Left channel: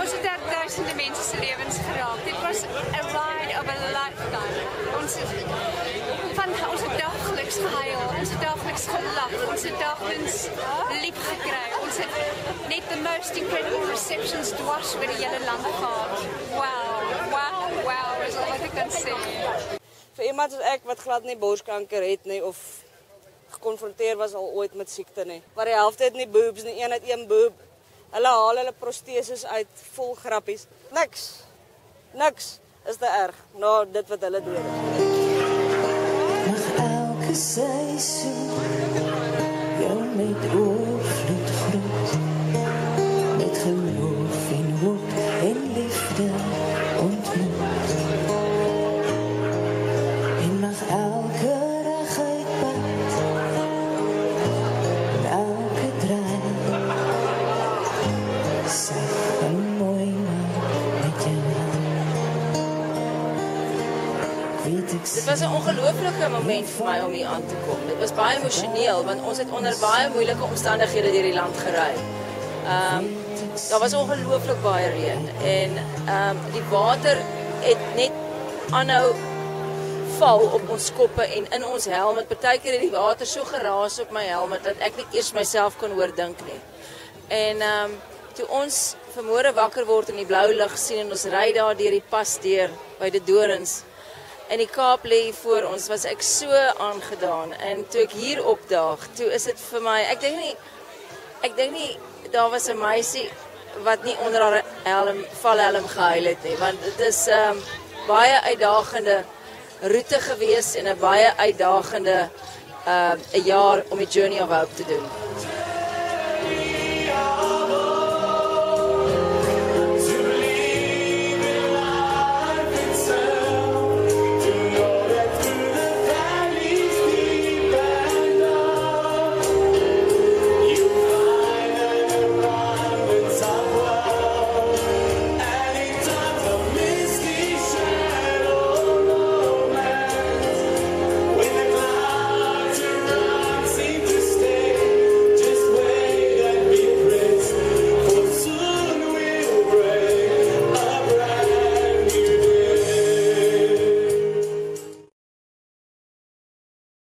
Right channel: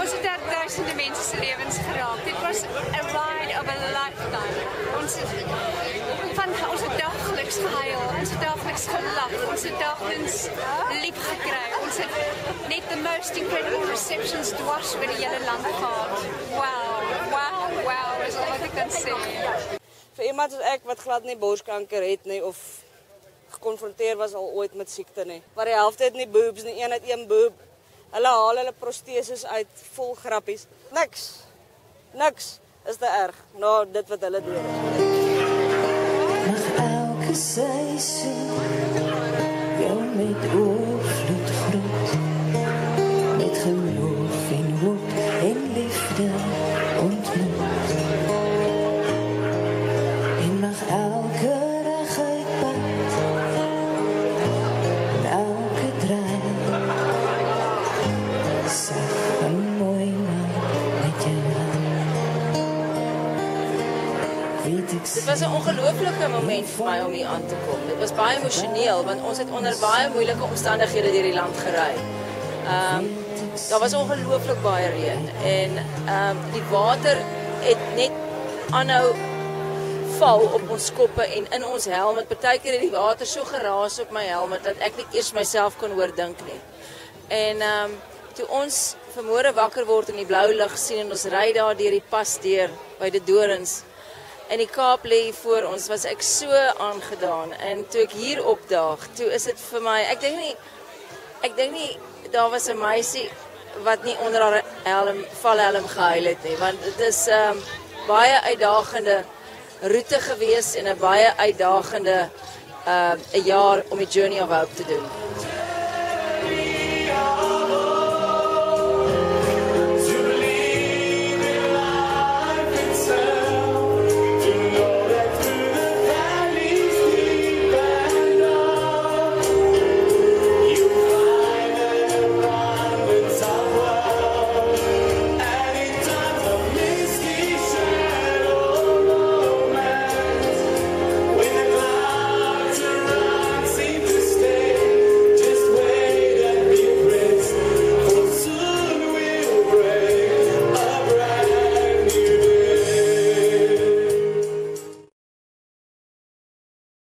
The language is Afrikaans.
Ons het daar duisende mense se lewens geraak. Dit was a ride of a lifetime. Ons het dageliks gehuil, ons het dageliks gelag, ons het dageliks lief gekry. Ons het net the most incredible receptions dwars oor die hele land gehad. Wow, is al wat ek kan sê. Baie moeilike omstandighede deur die land gery. Ongelooflik gereed en water en in ons want die water is so geraak omdat dit ek nie eers met wat duidelik dat ry vir ons en ek hier op vir my nie onder allem gehuil het nie, want dit is baie uitdagende gewees en 'n baie uitdagende jaar om die journey of hope te doen.